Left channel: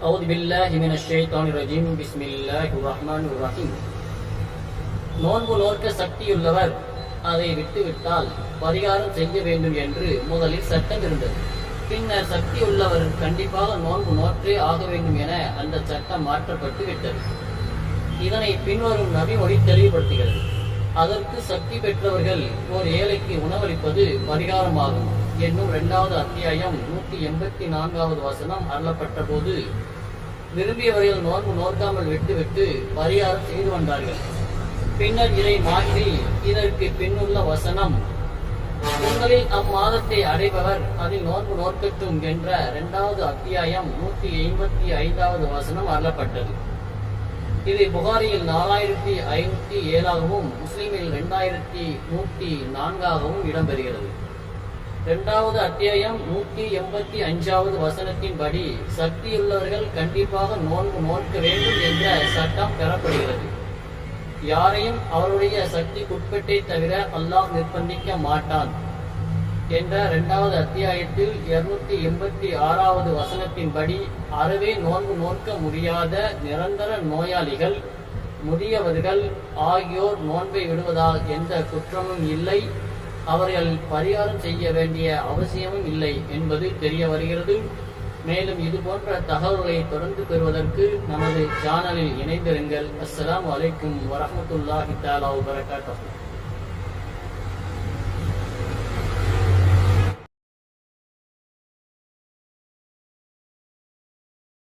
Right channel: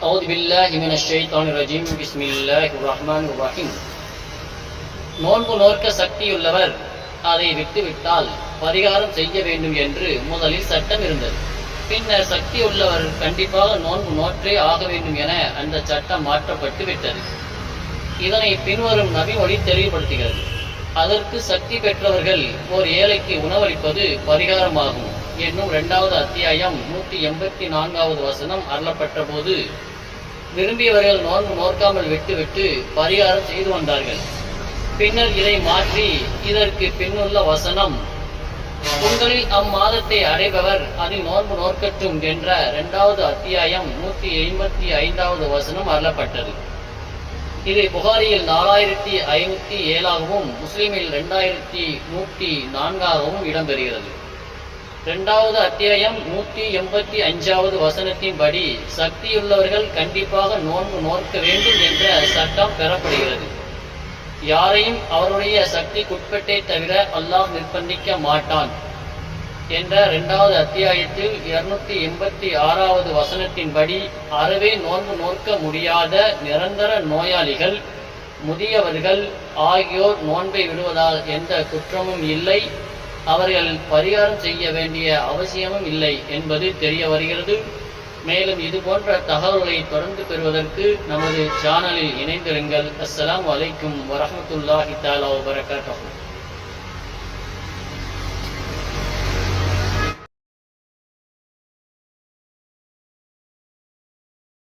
أعوذ بالله من الشيطان الرجيم بسم الله الرحمن الرحيم நோன்பு நோற்க சக்தியுள்ளவர் அதை விட்டுவிட்டால் பரிகாரம் செய்ய வேண்டும் என்று முதலில் சட்டம் இருந்தது பின்னர் சக்தி உள்ளவர் கண்டிப்பாக நோன்பு நோற்றே ஆக வேண்டும் என அந்த சட்டம் மாற்றப்பட்டு விட்டது இதனை பின்வரும் நபிமொழி தெளிவுபடுத்துகிறது அதற்கு சக்தி பெற்றவர்கள் ஓர் ஏழைக்கு உணவளிப்பது பரிகாரமாகும் என்னும் இரண்டாவது அத்தியாயம் நூற்றி எண்பத்தி நான்காவது வசனம் அருளப்பட்ட போது விரும்பியவர்கள் நோன்பு நோக்காமல் விட்டுவிட்டு பரிகாரம் செய்து வந்தார்கள். பின்னர் இதை மாற்றி இதற்கு பின்னுள்ள வசனம் உங்களில் அம்மாதத்தை அடைபவர் அதில் நோன்பு நோக்கட்டும் என்ற இரண்டாவது அத்தியாயம் நூற்றி ஐம்பத்தி ஐந்தாவது வசனம் அருளப்பட்டது. இது புகாரியில் நாலாயிரத்தி ஐநூத்தி ஏழாகவும் முஸ்லிமில் ரெண்டாயிரத்தி நூற்றி நான்காகவும் இடம்பெறுகிறது. இரண்டாவது அத்தியாயம் நூற்றி எண்பத்தி அஞ்சாவது வசனத்தின்படி சக்தியுள்ளவர்கள் கண்டிப்பாக நோன்பு நோக்க வேண்டும் என்ற சட்டம் பெறப்படுகிறது. யாரையும் அவருடைய சக்திக்குட்பட்டே தவிர அல்லாஹ் நிர்பந்திக்க மாட்டான் என்ற இரண்டாவது அத்தியாயத்தில் இருநூத்தி எண்பத்தி ஆறாவது வசனத்தின்படி அறவே நோன்பு நோக்க முடியாத நிரந்தர நோயாளிகள் முதியவர்கள் ஆகியோர் நோன்பை விடுவதால் எந்த குற்றமும் இல்லை. அவர்கள் பரிகாரம் செய்ய வேண்டிய அவசியமும் இல்லை என்பது தெரிய வருகிறது. மேலும் இது போன்ற தகவல்களை தொடர்ந்து பெறுவதற்கு நமது சேனலில் இணைந்திருங்கள். அஸ்லாம் அலைக்கும் வரமத்துல்லாஹி தாலா வபரகாத்துஹு.